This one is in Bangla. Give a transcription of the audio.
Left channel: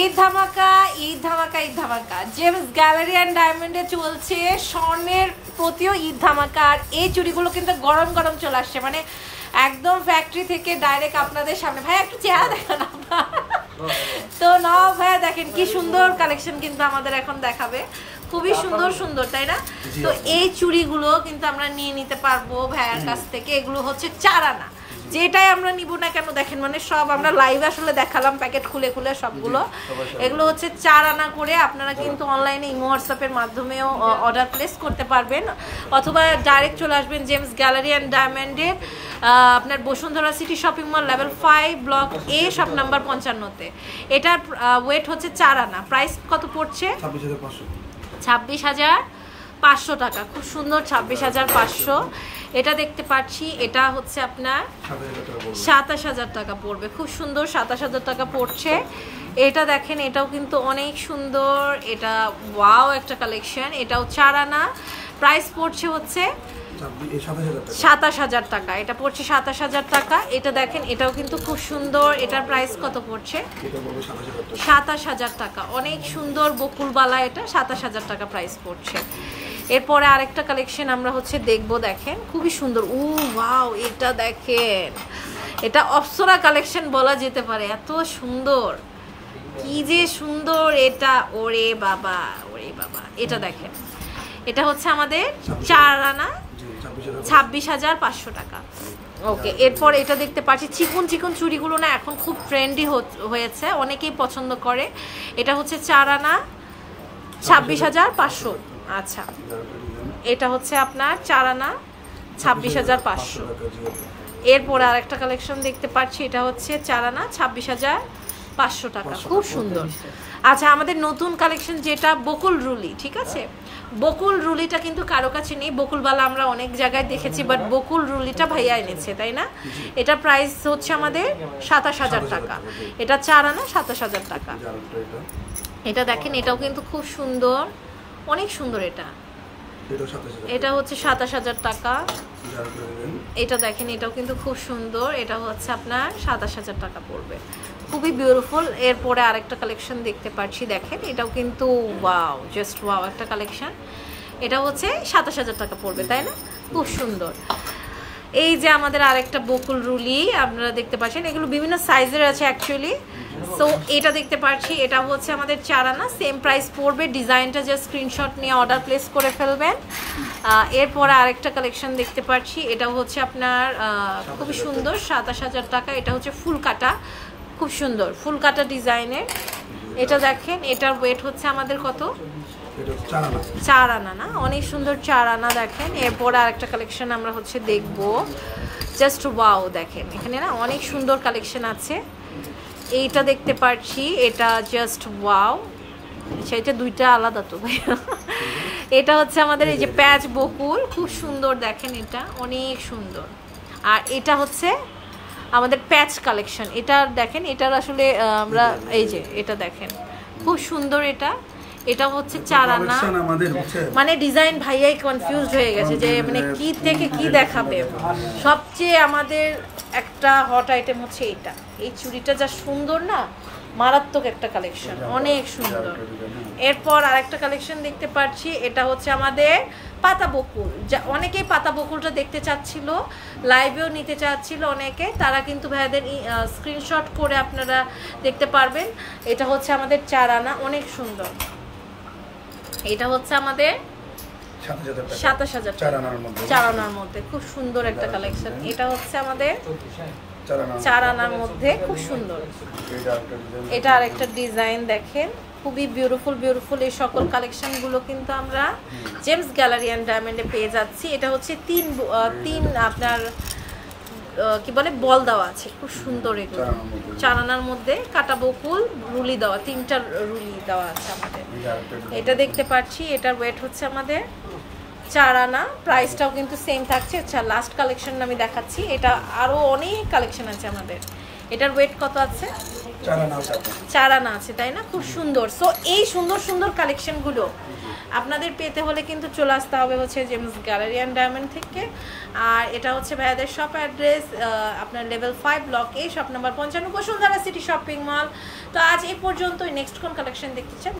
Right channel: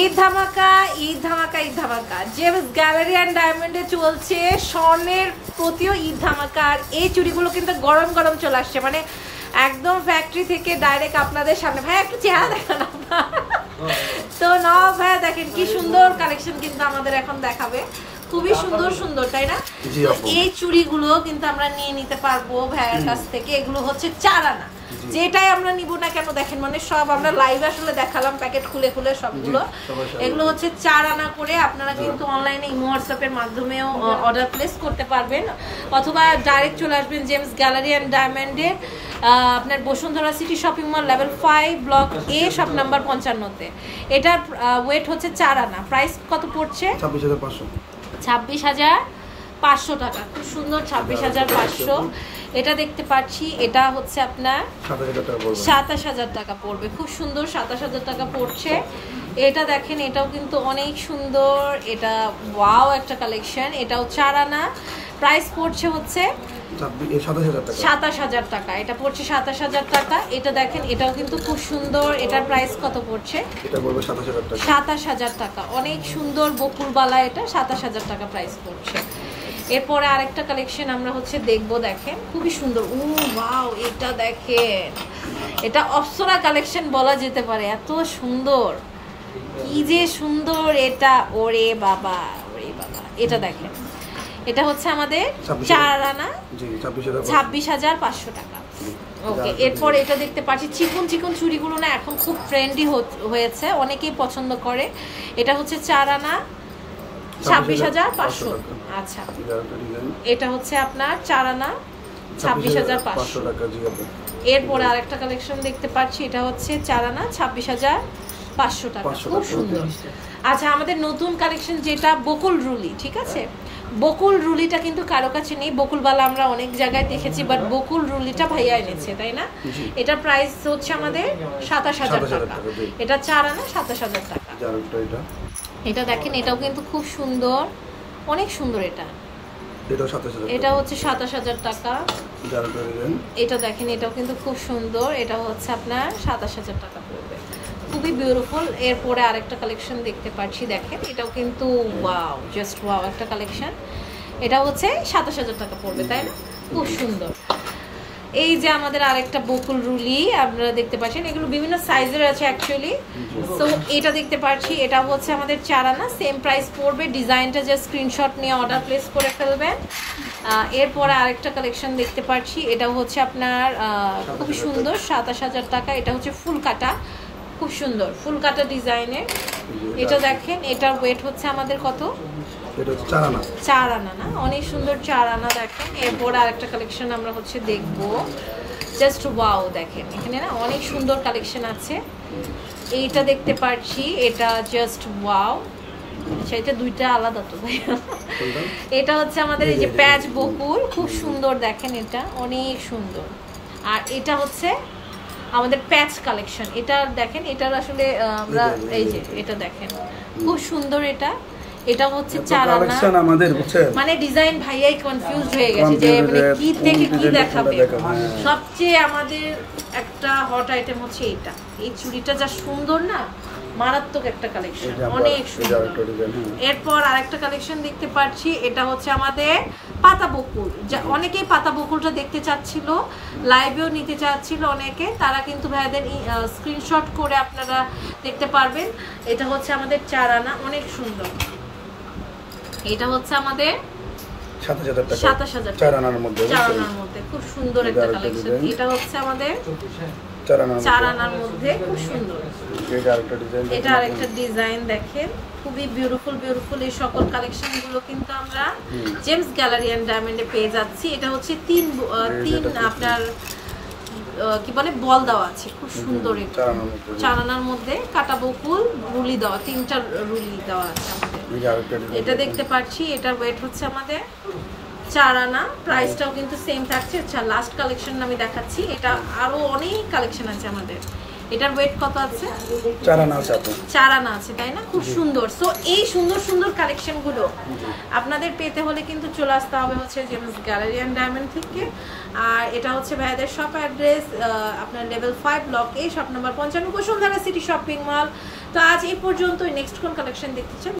ঈদ ধামাকা ঈদ ধামাকা ঈদ ধামাকা জেমস গ্যালারি অ্যান্ড ডায়মন্ডে চলছে স্বর্ণের প্রতিও ঈদ ধামাকা। আর এই চুড়িগুলো কিন্তু গরম গরম চলে আসছে, মানে একদম ফ্যাক্টরি থেকে ডাইরেক্ট আপনাদের সামনে। ভাই একটু চেহারা দেখান আপনার। তো না ভাইয়া দেখেন কি সুন্দর কালেকশন কিন্তু আমাদের এখন দেখাবে, খুবই সুন্দর সুন্দর, তাই না? এই চুড়িগুলো কিন্তু আমরা নিয়ে নিতে পারবো ভাইয়ার কাছ থেকে। এগুলো হচ্ছে 4 আনা, যেটাই আমরা নিব না কেন দেখেন, মানে সব আমরা লাইভ আসলে দেখালাম প্যাকেট খুলে খুলে সবগুলো। এগুলো হচ্ছে 4 আনা করে। আপনারা কিন্তু অনলাইনে ইমো হোয়াটসঅ্যাপের মাধ্যমেও অর্ডার প্লেস করতে পারবেন, অথবা ডাইরেক্ট চলে আসবেন জেমস গ্যালারি অ্যান্ড ডায়মন্ডের আপনার Bashundhara City Shopping Mall level 5 block A shop number 55-তে। এটার ওয়েট হচ্ছে 4 আনা। প্রাইস কত পড়ছে? 26,500 টাকা। খুব সুন্দর, 26,500। এটা দেখতে পাচ্ছি, এটা হচ্ছে আপনার 27,000 টাকা পড়বে। খুব সুন্দর, 27,000 টাকা পড়ছে। এটা দেখেন, এটাও কিন্তু অনেক সুন্দর, এটা ওয়াও একটা কালেকশন। এটাও 4 আনা। প্রাইস পড়ছে হচ্ছে 27,000 টাকা। এটা পড়ছে 27,000 টাকা। এটা দেখেন, এটাও কিন্তু খুব সুন্দর। এটার প্রাইস কত পড়ছে? 27,000 টাকা। অনেক সুন্দর বকুলবালা, এটা 27,000 টাকা প্রাইস পড়ছে। এরপরে আরেকটা কালেকশন আমরা হচ্ছে দেখবো, দেখেন খুবই সুন্দর। ও ওয়াও, এটা দেখেন, এটা অপ্সরা কালেকশন বলা যেতে পারে, এত সুন্দর, কি যে সুন্দর এটা। ওরে বাবা, ওরে বাবা, এটা দেখেন, এটা হচ্ছে আমাদের 4 আনা, 26,500 টাকা। ওকে, এরপর এটা দেখতে পাচ্ছি চিকন চিকন চুড়িগুলো না এখন খুব ট্রেন্ডি হয়েছে, অনেকেই পছন্দ করে। এটা হচ্ছে 4 আনা, 26,500। আচ্ছা, এটা হচ্ছে আপনার 4 আনা, 26,500 টাকা। এরপর আরেকটা কালেকশন দেখতে পাচ্ছি, এটা হচ্ছে 4 আনা, 26,500 টাকা। খুব সুন্দর। আচ্ছা, আমাদের নতুন কালেকশন যেটা বকুল রুলি, ঠিক আছে? বকুল রুলিটা কিন্তু কারো কাছে নেই। বকুলবালা আমরা অনেক জায়গায় দেখেছি, বাট বকুল রুলিটা ভাইয়া এনেছে, তাই না? এটা প্রাইস হচ্ছে আমাদের 27,000 টাকা। এটা 4 আনা, 27,000 টাকা। এটা দেখেন, এটাও কিন্তু খুব সুন্দর, অনেক সুন্দর। এটা হচ্ছে 27,000 টাকা। এটা দেখেন, এটাও কিন্তু খুব সুন্দর। এটা হচ্ছে আপনার 27,000 টাকা পড়বে, খুবই বিউটিফুল। এরপরে আরেকটা কালেকশন দেখতে পাচ্ছি, দেখেন, এটাও কিন্তু ওয়াও, জাস্ট ওয়াও একটা কালেকশন। এটা হচ্ছে 27,000 টাকা পড়বে, তাই না? খুব সুন্দর। এই যে আমাদের আরেকটা বকুল রুলি আপনারা দেখতে পাচ্ছেন, এগুলো বিভিন্ন সাইজের আছে অ্যাকচুয়ালি। সো এটা দেখতে পাচ্ছি, এটা হচ্ছে আমাদের 4 আনা, সেম প্রাইস পড়বে। ডিজাইনটা জাস্ট স্ক্রিনশট নিয়ে অর্ডার প্লেস করে ফেলবেন। এরপরে আরেকটা কালেকশন দেখতে পাচ্ছি, এটা হচ্ছে আপনার খুবই সুন্দর, 27,000 টাকা। এটা হচ্ছে ফুল কাটা, খুব সুন্দর ফুল কাটা ডিজাইনের। এটা দেখেন, এটার ওয়েট হচ্ছে আমাদের কত? 4 আনা না, অনেক সুন্দর 4 আনা। দেখেন, এরপর আরেকটা কালেকশন আমরা হচ্ছে দেখবো, জাস্ট ওয়াও। দেখেন, এখানে না অনেক সুন্দর কালেকশন আছে। এইটা দেখতে পাচ্ছি, এটা জাস্ট ওয়াও। সেটা দুইটা আলাদা তো ভাইয়া। এটা হচ্ছে আমাদের এই যে প্যাচ বকুল, খুব সুন্দর। দেখেন, এটা অনেক সুন্দর। আর এটা হচ্ছে আমাদের প্যাচ কালেকশন। এটা দেখেন, এটার আসলে আমরা এই যে এটা দেখেন, খুব সুন্দর। এটা হচ্ছে 4 আনা আমাদের, মানে ডিজাইন ভাইয়াই কনফিউজড হয়ে গেছে যে মানে কি থেকে কি দেখাবে। সবচেয়ে আমাদের একটা হট আইটেম হচ্ছে এটা। এই চুড়িটা যা সুন্দর না, মারাত্মক একটা কালেকশন, অনেক সুন্দর। এরপর আরেকটা কালেকশন দেখতে পাচ্ছি, এটা হচ্ছে আমাদের পাতা বকুল। অনেকেই পাতা বকুলটা দেখতে চাচ্ছিল, লাইভেও নিতে চাচ্ছিল অনেকে, তারা কিন্তু ভাইদের স্ক্রিনশট করে আপনারা দেখতে পারবেন। এটা হচ্ছে আমাদের 4 আনা, অনেক সুন্দর। এটা হচ্ছে আমাদের 27,000 4 আনার মধ্যে, খুব সুন্দর একটা কালেকশন। এটা হচ্ছে আমাদের 4 আনার মধ্যে, খুব সুন্দর। এটা আরেকটা ডিজাইন, দেখেন, খুবই বিউটিফুল বিউটিফুল। এই সকল কালেকশন গুলো কিন্তু আমরা জেমস গ্যালারি অ্যান্ড ডায়মন্ডে পেয়ে যাচ্ছি। এটা হচ্ছে 3 আপনার কি বলে বল দেওয়া আছে, খুব সুন্দর। এগুলো 4 আনার মধ্যে কাটা বকুল রুলি দেওয়া, 3টা রুলি দেওয়া আছে আমাদের। এটা দেখতে পাচ্ছি, এটা ওয়েট হচ্ছে আমাদের 4 আনা। প্রাইসটাও কিন্তু সেম থাকছে। আচ্ছা, লাস্ট কালেকশন আমি দেখাচ্ছি, এটা আরো অনেক কালেকশন আছে আমাদের। এটার ওয়েট কত আছে? 4 আনা আছে আপু, 4 আনা আছে, তাই না? খুব সুন্দর। সো এই সুন্দর সুন্দর কালেকশন গুলো আপনাদের পেতে হলে কিন্তু চলে আসতে হবে হচ্ছে জেমস গ্যালারি অ্যান্ড ডায়মন্ড থেকে। আর এটা হচ্ছে ভাইয়াদের শপ অ্যাড্রেস আপনার level 5 block A, shop number 95, Bashundhara City Shopping মল। তো আজ এই পর্যন্তই। নেক্সট কোন কালেকশন দেখতে চান?